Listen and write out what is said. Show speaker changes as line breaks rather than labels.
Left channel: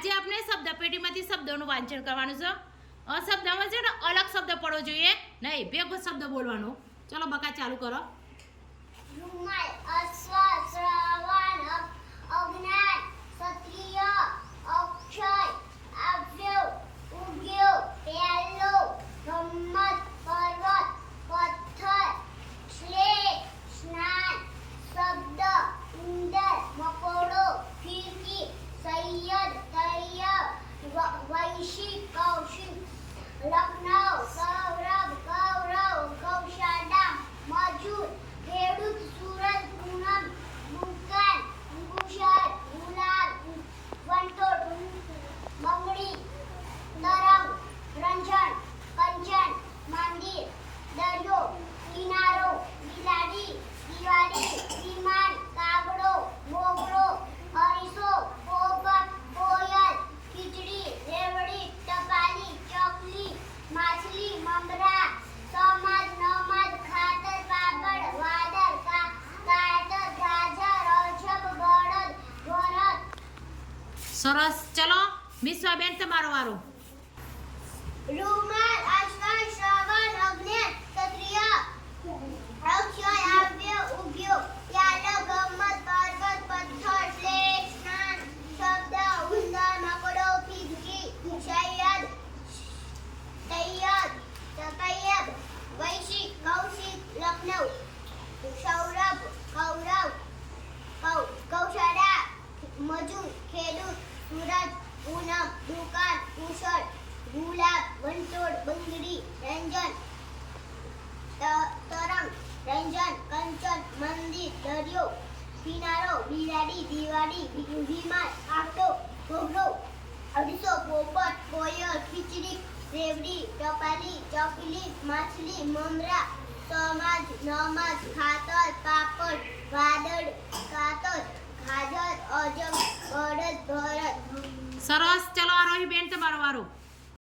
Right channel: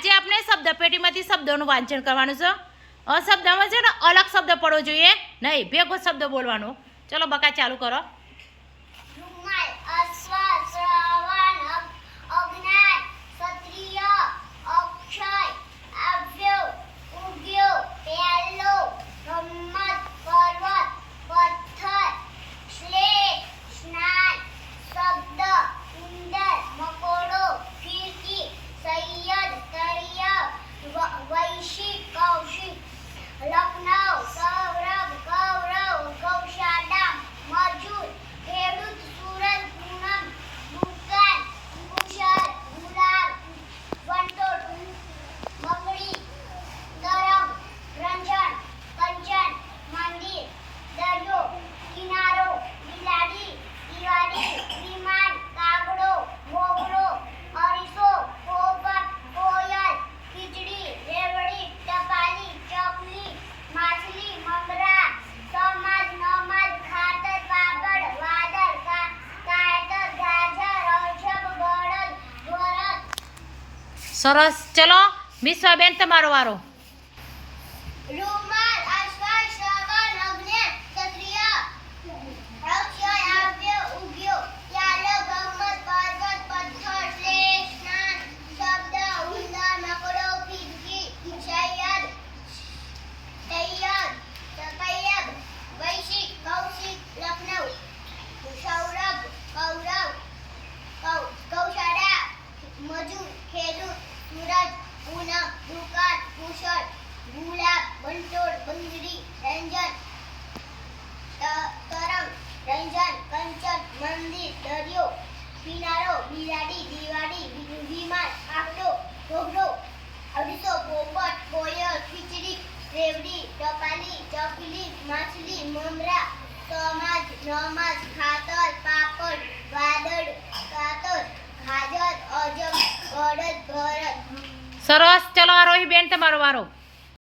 આજે આપણે શબ્દ પેટીમાંથી શબ્દોનું વાંચન કરવાનું છે. અશબ્દમાં છે ને અલગ શબ્દ પડવો જોઈએ, નહીં, ભેગો શબ્દ બોલવાનો. ચલો, બકા, ચાલુ કરો.
રૂમાલ, અશ્વ શ્રવણ અગ- અજ્ઞાન ક્ષત્રિય અક્ષય આવ્યો ઉગ્યો પહેલો રમત પર્વત પથ્થર સ્લેટ સ્નાન શબ્દ ઉંદર મકોડો ફિરકી સૈયદ તળિયા વ- વૈશિક કૌશિક લખનઉ સૌરભ કૌરવ ગૌશાળા મજૂર ખેડૂત સુરત પૂનમ દુકાન કુશળ ગુલાબ વંટોળ બંગડી તરંગ રંજન કંચન મંદિર દરિયો કિનારો બિલાડી દિવાળી વિમાન કાગડો મોગરો અરીસો પોપટ કોયલ ખીચડી રેવડી ટપાલી ચકલી માછલી મમરા સમાજ નમાજ ખાતર પાપડ વાદળ કા કાયતર ગાજર અજબ બળદ ગોરદ
સરસ. ચલો વિશ્વાબેન તમારો વારો.
રૂમાલ સૂરજ પૂનમ, દુકાન, કુશળ, ગુલાબ, વંટોળ બંગડી રંજન તરંગ, રંજન, કંચન, મંદિર, દરિયો, કિનારો, બિલાડી, દિવાળી વિમાન કાગડો ઘોઘરો અડીસો પોપટ, કોયલ, ખીચડી, રેવડી, ટપાલી ચકલી માછલી, મમરા સમાજ નમાજ, ખાતર
સરસ. ચલો આરોહી બેન તમારો વારો.